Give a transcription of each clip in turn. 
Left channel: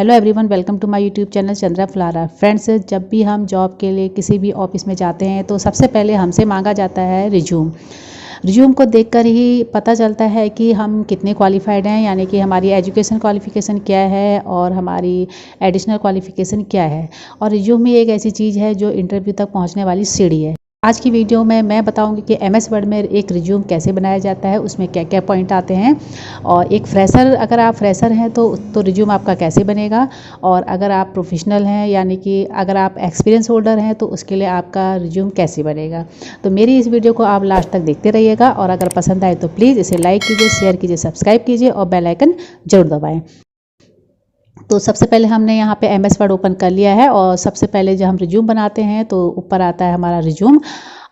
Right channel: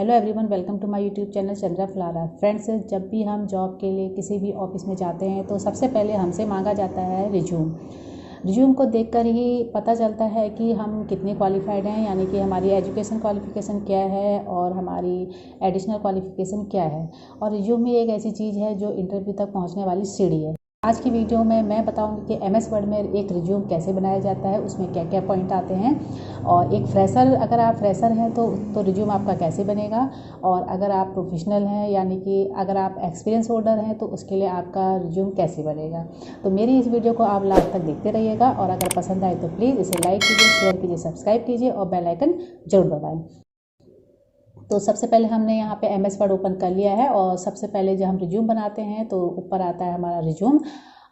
Hello everyone, welcome to my YouTube channel Chandra फ्लारा। Friends, जब भी हम जॉब के लिए किसी भी ऑफिस में जाते हैं तो सबसे पहले हमसे मांगा जाता है रिज्यूम। रिज्यूम को देखकर ही पता चलता है कि हम कितने क्वालिफाइड हैं, यानी कि हमारी एजुकेशन क्वालिफिकेशन क्या है और हमारी एडिशनल क्वालिफिकेशन क्या है। और रिज्यूम ही एक ऐसी चीज़ है जो इंटरव्यू तक पहुंचने वाली सीढ़ी है। आज की वीडियो में मैं बताऊंगी कि एमएस वर्ड में एक रिज्यूम कैसे बनाया जाता है, उसमें क्या क्या पॉइंट आते हैं, और एक फ्रेशर, अगर आप फ्रेशर हैं तो रिज्यूम आपका कैसे बनेगा, और अगर आप प्रोफेशनल हैं यानी कि अगर आप एक्सपीरियंस होल्डर हैं तो उसके लिए आपका रिज्यूम कैसे बनेगा। तो मेरी इस वीडियो को आप लास्ट तक देखते रहिएगा, और अगर पसंद आए तो प्लीज़ इसे लाइक कीजिए, शेयर कीजिए, सब्सक्राइब कीजिए और बेल आइकन जरूर दबाएँ। तो सबसे पहले हमने यहाँ पे एमएस वर्ड ओपन कर लिया है, और सबसे पहले जब हम रिज्यूम बनाते हैं तो ऊपर आता है हमारा रिज्यूम,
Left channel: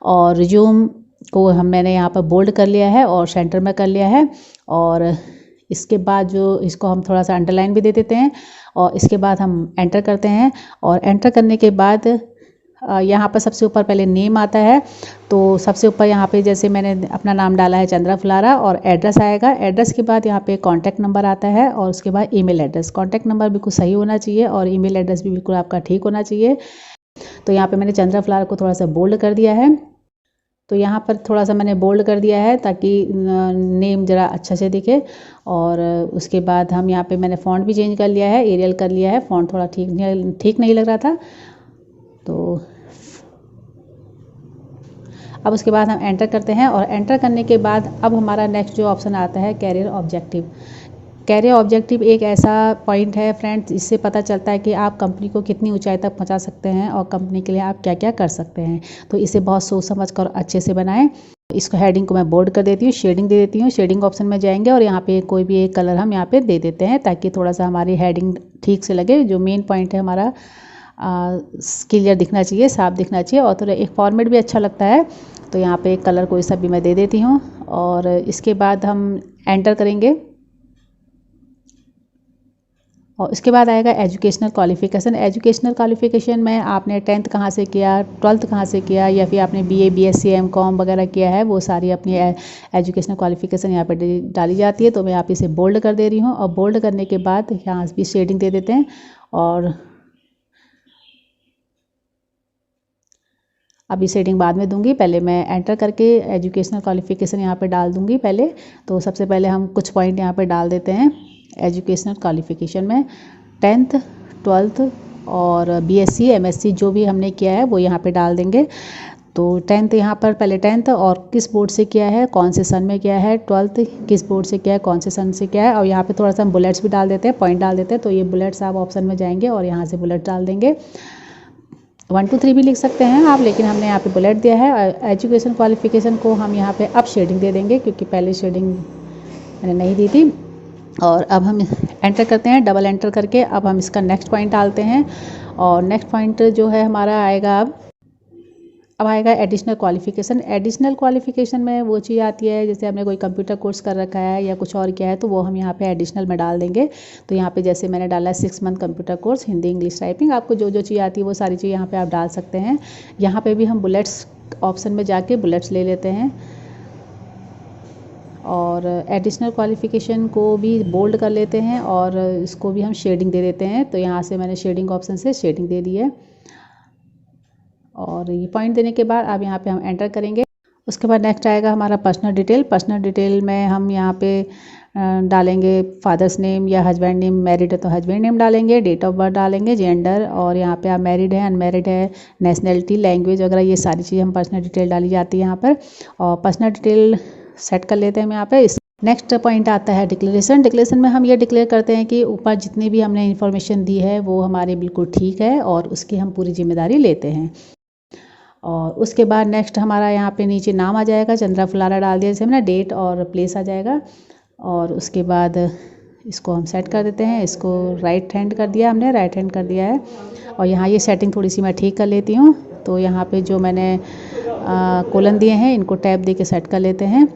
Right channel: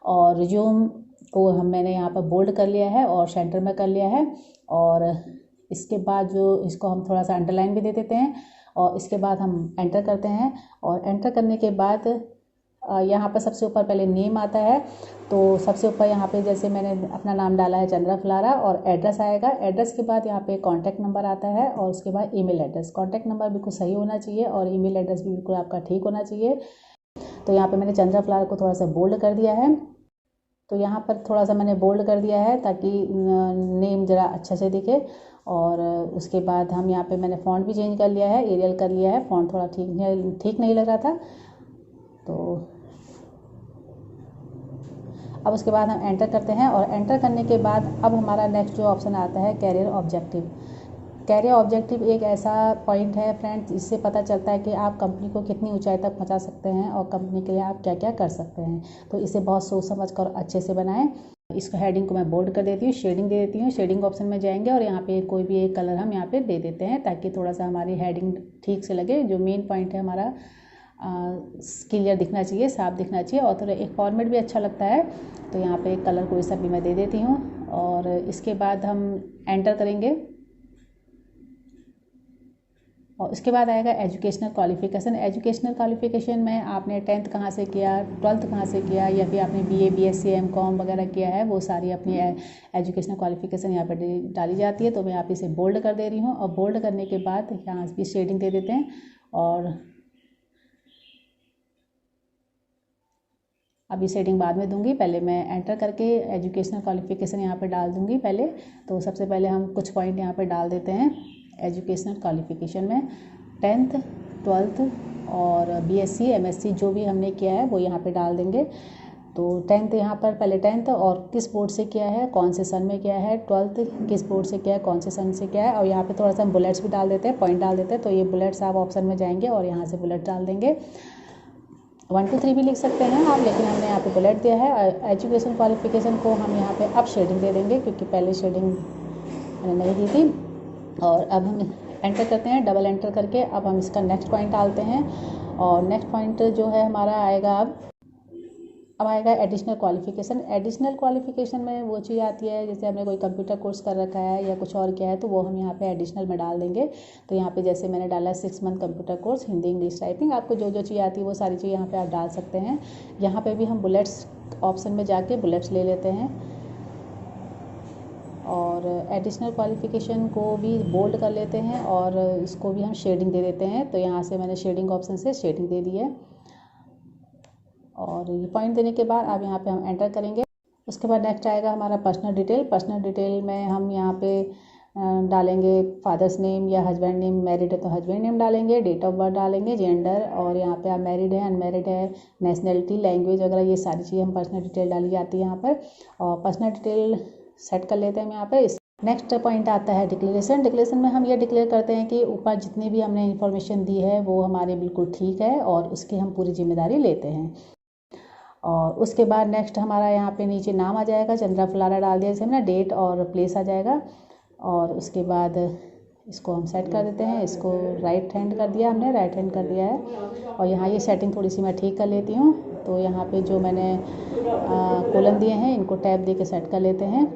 और रिज्यूम को मैंने यहाँ पर बोल्ड कर लिया है और सेंटर में कर लिया है। और इसके बाद जो इसको हम थोड़ा सा अंडरलाइन भी दे देते हैं, और इसके बाद हम एंटर करते हैं। और एंटर करने के बाद यहाँ पर सबसे ऊपर पहले नेम आता है, तो सबसे ऊपर यहाँ पे जैसे मैंने अपना नाम डाला है चंद्रा फ्लारा, और एड्रेस आएगा। एड्रेस के बाद यहाँ पे कॉन्टैक्ट नंबर आता है, और उसके बाद ईमेल एड्रेस। कॉन्टैक्ट नंबर बिल्कुल सही होना चाहिए और ईमेल एड्रेस भी बिल्कुल आपका ठीक होना चाहिए। तो यहाँ पे मैंने चंद्रा फ्लारा को थोड़ा सा बोल्ड कर दिया है। तो यहाँ पर थोड़ा सा मैंने बोल्ड कर दिया है ताकि नेम ज़रा अच्छा से दिखे। और उसके बाद हम यहाँ पे मैंने फ़ॉन्ट भी चेंज कर लिया है, एरियल कर लिया है। फ़ॉन्ट थोड़ा ठीक नहीं लग रहा था, तो अब उसके बाद हम एंटर करते हैं। और एंटर करने के बाद अब हमारा नेक्स्ट जो ऑप्शन आता है कैरियर ऑब्जेक्टिव। कैरियर ऑब्जेक्टिव एक ऐसा पॉइंट है फ्रेंड्स, इससे पता चलता है कि आप कंपनी को कितनी ऊंचाई तक पहुंचा सकते हैं और कंपनी के लिए आप क्या क्या कर सकते हैं। तो इसे बहुत सोच समझ कर अच्छे से बनाएं। इसको हेडिंग को मैं बोल्ड कर देती हूँ, शेडिंग दे देती हूँ। शेडिंग ऑप्शन में जाएंगे और यहाँ पे कोई भी एक कलर हम यहाँ पे दे देते हैं ताकि थोड़ा सा हमारी हेडिंग ठीक से लगे। जो मेन पॉइंट है हमारा क्लियर दिखना चाहिए, साफ दिखना चाहिए, और थोड़ा एक फॉर्मेट भी अच्छा लगता है। तो यहाँ पे एक कलर कोई सा भी मैं दे देती हूँ, और इसके बाद हम एंटर करेंगे। और इसके बाद आएगा एजुकेशनल क्वालिफिकेशन। एजुकेशनल क्वालिफिकेशन में आपने 10th कहाँ से किया, 12th कहाँ से किया, या फिर आपने बीए, बीएससी, एमकॉम वगैरह किया है, वो सारी अपनी एजुकेशनल क्वालिफिकेशन यहाँ पर डाली जाती है। तो मैं यहाँ पे इसे बोल्ड कर दे रही हूँ, और बोल्ड करने के बाद यहाँ भी शेडिंग दे देते हैं। और अभी शेडिंग बाद में दूंगी, पहले मैं एंटर करके एजुकेशनल क्वालिफिकेशन यहाँ पे डाल दूंगी पहले। तो सबसे पहले हम कुछ पॉइंट यहाँ पे डाल देते हैं एजुकेशनल क्वालिफिकेशन में। 10th, 12th और बीएससी, एमएससी जो भी हमने किया है वो यहाँ पे डाल देंगे। तो 10th यहाँ पर पहले 10th और किस बोर्ड से किया है, कौन से सन में किया है। 12th किस बोर्ड से किया है, कौन से सन से किया है। और यहाँ पे थोड़ा सा हम बुलेट्स भी डाल देते हैं, पॉइंट डाल देते हैं। तो ये बुलेट्स आप ऑप्शन में जाएंगे और यहाँ से बुलेट डाल देंगे। 1 2 3 भी लिख सकते हैं आप, लेकिन हमने यहाँ पे बुलेट दिया है। एजुकेशन क्वालिफिकेशन को हम यहाँ पे अब शेडिंग दे देंगे, क्योंकि पहले शेडिंग मैंने नहीं दी थी। और अब हम एंटर करते हैं, डबल एंटर करके अब हम इसका नेक्स्ट पॉइंट डालते हैं। और नेक्स्ट पॉइंट जो है हमारा आएगा अब आएगा एडिशनल क्वालिफिकेशन। एडिशनल क्वालिफिकेशन में वो चीज़ आती है, जैसे हमने कोई कंप्यूटर कोर्स कर रखा है या कुछ और किया है, तो वो हम यहाँ पे एडिशनल में डाल देंगे। तो यहाँ पे जैसे मैंने डाला है 6 month computer course, Hindi, English, typing. आपको जो जो चीज़ आती है वो सारी चीज़ यहाँ पे आप डाल सकते हैं। यहाँ पे भी हम बुलेट्स ऑप्शन में जाके बुलेट्स ले लेते हैं, और एडिशनल क्वालिफिकेशन को भी बोल्ड कर लेते हैं, और इसको भी हम शेडिंग दे देते हैं। तो यहाँ से मैंने शेडिंग ऑप्शन से शेडिंग दे दी है। और ये पॉइंट देने के बाद अब यहाँ पे हम एंटर करेंगे। उसके बाद नेक्स्ट आएगा हमारा पर्सनल डिटेल। पर्सनल डिटेल में हम यहाँ पे डालेंगे फादर्स नेम या हस्बैंड नेम। मैरिड है तो हस्बैंड नेम डालेंगे, डेट ऑफ बर्थ डालेंगे, जेंडर, और यहाँ पे आप मैरिड है, अनमैरिड है, नेशनलिटी, लैंग्वेज वगैरह, ये सारी चीज़ें हम पर्सनल डिटेल डाली जाती है यहाँ पर। और पर्सनल डिटेल सेट कर लेते हैं हम यहाँ पे। नेक्स्ट पॉइंट आता है डिक्लेरेशन। डिक्लेरेशन में हम ये डिक्लेयर करते हैं कि ऊपर जितनी भी हमने इन्फॉर्मेशन दी है वो हमारे बिल्कुल ठीक है, और उसकी हम पूरी जिम्मेदारी लेते हैं। और उसके बाद नेक्स्ट हमारा यहाँ पे नीचे नाम आ जाएगा, चंद्रा फ्लारा डाल दिया जैसे हमने, डेट और प्लेस आ जाएगा। और उसके बाद इसको हम सेट कर देते हैं। इसको राइट हैंड कर दिया हमने, राइट हैंड कर दिया है। और यहाँ ये सेटिंग थोड़ी सी मैं ठीक कर लेती हूँ। तो यहाँ पे जो मैंने कोलन दिए हैं इनको टैब दे के सेट कर लेते हैं।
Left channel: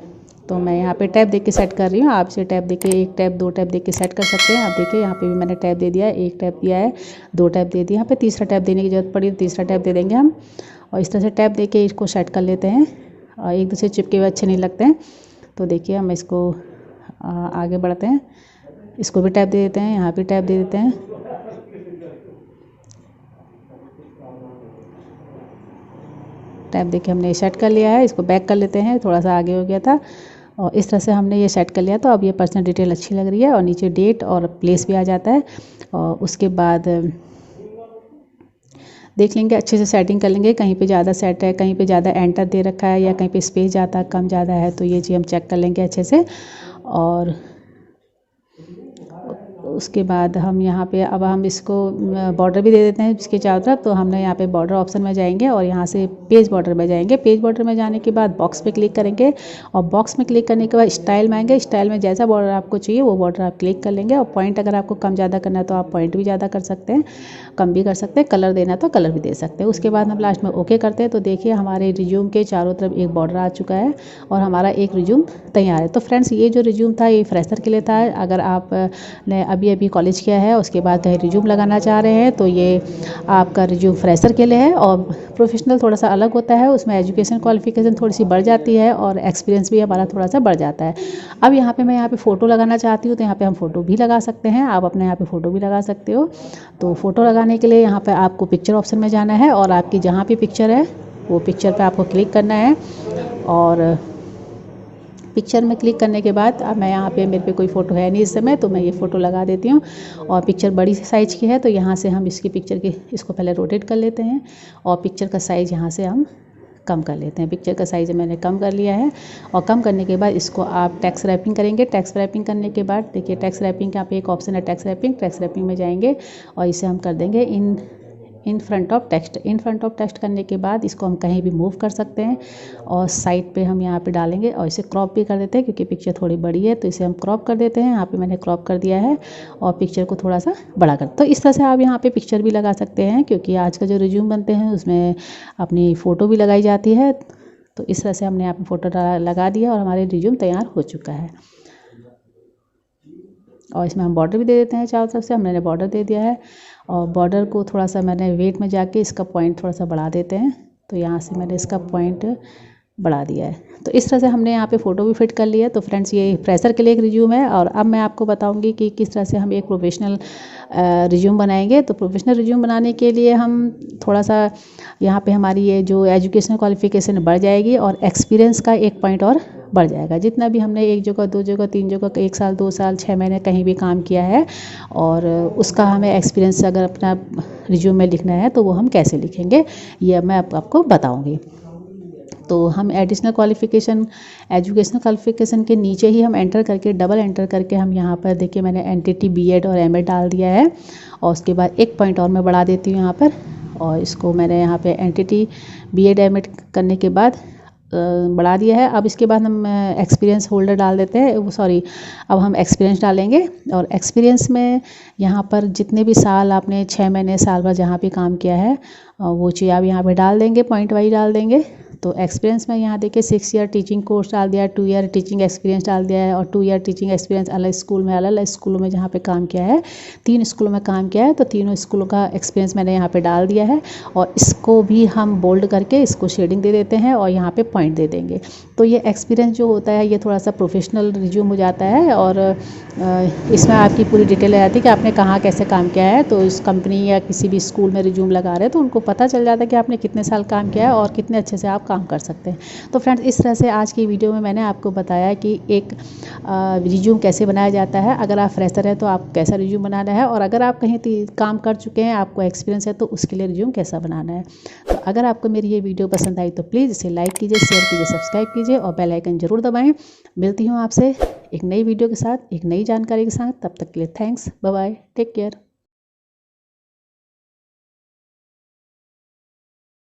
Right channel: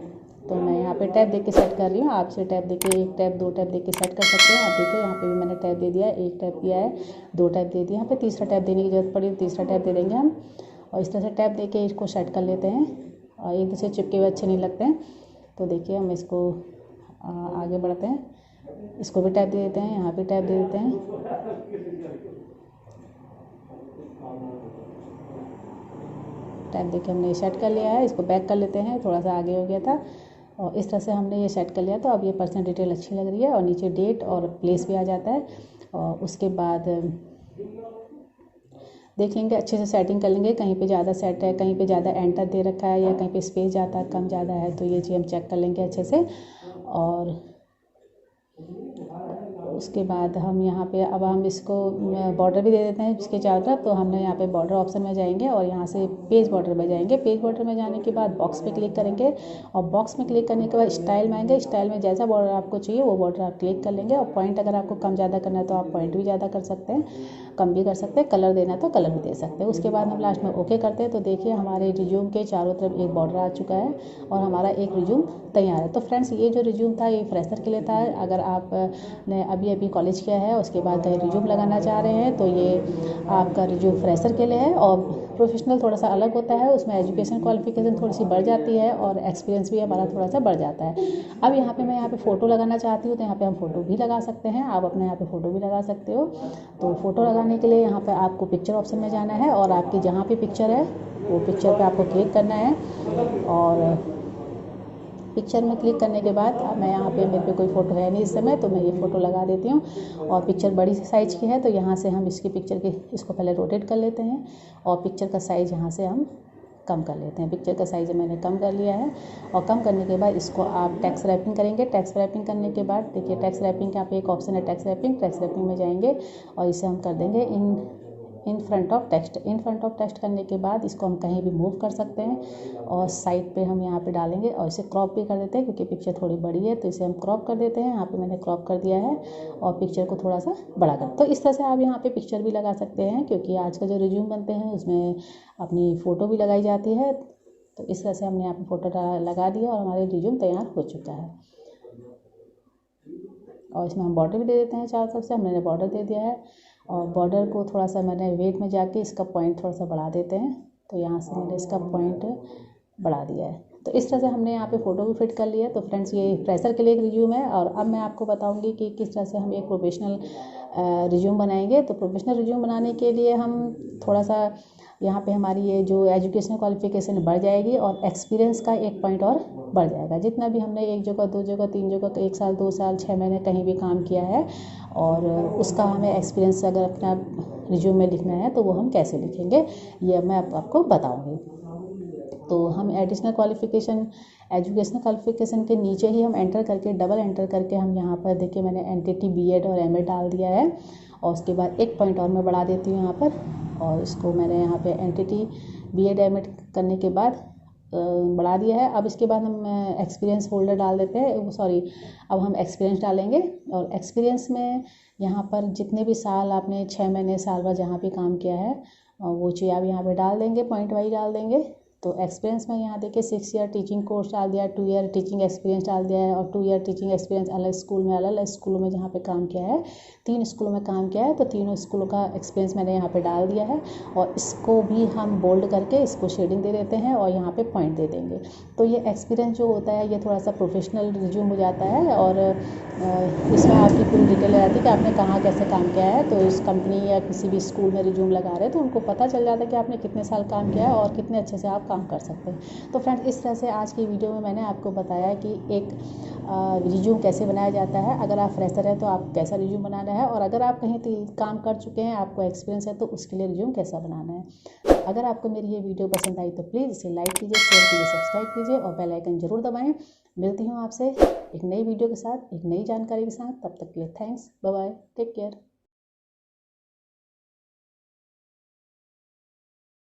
तो मैं यहाँ पे टैब दे के सेट कर रही हूँ, आपसे टैब दे के 1 टैब 2 टैब दे के सेट कर सकते हैं। आप देखिए यहाँ पे भी मैंने टैब दे दिया है, 1 टैब दिया है, 2 टैब दे दिया। यहाँ पे तीसरा टैब देने की जरूरत पड़ी तो तीसरा टैब दे देंगे हम। और इस तरह से टैब दे के इसको सेट कर लेते हैं, और एक दूसरे चिपके हुए अच्छे नहीं लगते हैं। तो देखिए हम इसको आगे बढ़ते हैं, इसको भी टैब दे देते हैं, यहाँ भी टैब दे देते हैं। टैब देके हमने सेट कर लिया है। इसको बैक कर लेते हैं, थोड़ा सा आगे हो गया था और इस तरह से हमने ये सेट कर लिया। तो अब ये पर्सनल डिटेल अच्छी लग रही है और नीचे डेट और प्लेस भी आ जाता है। और उसके बाद देख लेंगे, अच्छे से सेटिंग कर लेंगे, कहीं पे ज़्यादा सेट है, कहीं पे ज़्यादा एंटर दे रखा है या कहीं पे स्पेस ज़्यादा कम ज़्यादा है, तो ये चीज़ हम चेक कर लेंगे अच्छे से। और उसके बाद हम यहाँ पे अब हम इसको बॉर्डर भी दे देते हैं इसके चारों तरफ। तो हमने यहाँ पे बॉर्डर ऑप्शन में जाएंगे और यहाँ से पेज बॉर्डर में जाएंगे। पेज बॉर्डर में जाने के बाद बॉक्स पे क्लिक करेंगे और बॉक्स में क्लिक करने के बाद स्टाइल में आएंगे। स्टाइल में जैसा बॉर्डर आपको चाहिए वो बॉर्डर आप क्लिक कर लेंगे। और पॉइंट अगर आपको कम ज़्यादा करना है तो आप पॉइंट भी ज़्यादा कर सकते हैं, कम भी कर सकते हैं। कलर देना तो कलर भी दे सकते हैं। उसके बाद हम लास्ट में ओके करते हैं। तो देखिए हमारे रिज्यूम के चारों तरफ एक बॉर्डर आ चुका है और हमारा एक रिज्यूम तैयार है। तो फ्रेंड्स ये जो रिज्यूम था ये फ्रेशर के लिए था। अगर आपने अभी कॉलेज किया है उसके बाद कहीं रिज्यूम लगाना चाह रहे हैं तो ये आपका रिज्यूम फ्रेशर के लिए है। और प्रोफेशनल थोड़ा सा अलग होता है, उसमें एजुकेशन क्वालिफिकेशन थोड़ी सी बढ़ जाती है और एक्सपीरियंस भी हमारा थोड़ा सा बढ़ जाता है। अब यहाँ पे मैं यहाँ पे फ़ोटो लगाना चाहती हूँ तो यहाँ पे हम फ़ोटो भी लगा सकते हैं। आप अपने यहाँ पे फ़ोटो भी लगा सकते हो। तो फ़ोटो लगाने के लिए यहाँ पे आपको पिक्चर ऑप्शन में जाना है और आपकी जहाँ पे पिक्चर है वो पिक्चर पे आपको क्लिक करना है। और पिक्चर में क्लिक करने के बाद अब मैं यहाँ पे मेरे पे कोई फ़ोटो है नहीं इस समय, तो मैं ये फ़ोटो लगा देती हूँ। और पिक्चर बड़ी साइज़ की है तो यहाँ से हम इसकी पिक्चर के इसको पहले रोटेट कर लेते हैं और पिक्चर का साइज़ यहाँ से हम कम कर लेते हैं। पिक्चर का साइज़ मैंने कम कर लिया है और कम करने के बाद इसको आप टेक्स्ट रैपिंग करेंगे। टेक्स्ट रैपिंग करने के बाद देखिए टेक्स्ट रैपिंग यहाँ पे एक ऑप्शन है टेक्स्ट रैपिंग। टेक्स्ट रैपिंग में जाएंगे और इसे हम कर देंगे in front of text. In front of text करने के बाद इसको हम कहीं भी मूव कर सकते हैं और साइड पे हम यहाँ पे डालेंगे और इसे क्रॉप भी कर देते हैं क्योंकि पिक्चर थोड़ी बड़ी है तो इसे हम क्रॉप कर देते हैं। यहाँ पे मैंने क्रॉप कर दिया है और पिक्चर को थोड़ा सा बड़ा कर। तो इस तरह से आप यहाँ पे पिक्चर भी लगा सकते हैं क्योंकि आज का जो रिज्यूम बनते हैं उसमें अपनी फ़ोटो भी लगाई जाती है। तो इस तरह से हमने यहाँ पे फ़ोटो लगा दिया और हमारे रिज्यूम तैयार हो चुका है। और इसमें हम बॉर्डर भी दे देते हैं चारों तरफ से। हमने बॉर्डर दे दिया है और बॉर्डर को थोड़ा सा मैंने वेट में जाके इसका पॉइंट थोड़ा सा बढ़ा देते हैं। तो यहाँ से मैंने इसका पॉइंट बढ़ा दिया है। तो इस तरह से हमने यहाँ पे फ़ोटो भी फिट कर लिया है। तो फ्रेंड्स ये फ्रेशर के लिए एक रिज्यूम है और अब मैं आपको बताऊंगी कि किस तरह से हम एक प्रोफेशनल रिज्यूम बनाएंगे। तो प्रोफेशनल रिज्यूम बनाने के लिए हम थोड़ा सा यहाँ पे हमारी ये जो एजुकेशन क्वालिफिकेशन बढ़ जाएगी और एक्सपीरियंस का एक पॉइंट और बढ़ जाएगा। जितना भी हमने एक जगह, दो जगह, तीन जगह, 1 साल, 2 साल, 6 महीने कहीं भी काम किया है और उसका हमें एक्सपीरियंस अगर अपना रिज्यूम में लिखना है तो वो हम कैसे लिखेंगे ये मैं आपको बताऊँगी। तो हम एडिशनल क्वालिफ़िकेशन एजुकेशनल क्वालिफ़िकेशन के नीचे ही हम एंटर करके डबल एंटर करके हम यहाँ पर देखिए मैंने एनटीटी बीएड और एमएड डाल दिया है। और उसके बाद एक पॉइंट और मैं बढ़ा देती हूँ यहाँ पर और इसको मैंने यहाँ पे एनटीटी बीएड एमएड करने के बाद बढ़ा दिया है। अब इसके बाद हम एक्सपीरियंस होल्डर डाल देते हैं, अब हम एक्सपीरियंस डालेंगे। और एक्सपीरियंस में यहाँ पर जितने भी साल आपने 6 महीने साल भर जहाँ भी काम किया है वो चीज़ आप यहाँ पे डाल देंगे, पॉइंट वाइज डाल देंगे। तो एक्सपीरियंस में यहाँ देखिए 6 ईयर टीचिंग कोर्स डाल दिया है, 2 ईयर टीचिंग एक्सपीरियंस डाल दिया है और 2 ईयर टीचिंग एक्सपीरियंस अलग स्कूल में, अलग अलग स्कूलों में जहाँ पे काम किया है, 3 स्कूलों में काम किया है तो तीनों स्कूलों का एक्सपीरियंस मैंने यहाँ पे डाल दिया है। और इसको भी हम बोल्ड करके इसको शेडिंग दे देते हैं और यहाँ पे पॉइंट दे देंगे। तो ये एक्सपीरियंस जो होता है ये थोड़ा सा प्रोफेशनल रिज्यूम हो जाता है और इसमें आपकी पूरी डिटेल आ जाती है कि आपने कहाँ कैसे काम किया है। तो इस कंपनी या किसी भी स्कूल में रिज्यूम लगा रहे हैं तो उनको पता चल जाता है कि आपने कितने साल काम किया है और कितने अच्छे से आप काम कर सकते हैं। तो फ्रेंड्स इस तरह से आज की वीडियो में मैंने आपको बताया कि एक रिज्यूम कैसे बनाया जाता है। अगर आप फ्रेशर हैं तो आप कैसा रिज्यूम बनाना है और अगर आप कहीं काम कर चुके हैं, आपको एक्सपीरियंस है तो उसके लिए रिज्यूम कैसा बनाना है। तो अगर आपको मेरी ये वीडियो पसंद आई तो प्लीज़ इसे लाइक कीजिए, शेयर कीजिए, सब्सक्राइब कीजिए और बेल आइकन ज़रूर दबाएं। मिलती हूँ आपसे एक नई वीडियो के साथ, एक नई जानकारी के साथ। तब तक के लिए thanks, bye bye, take care.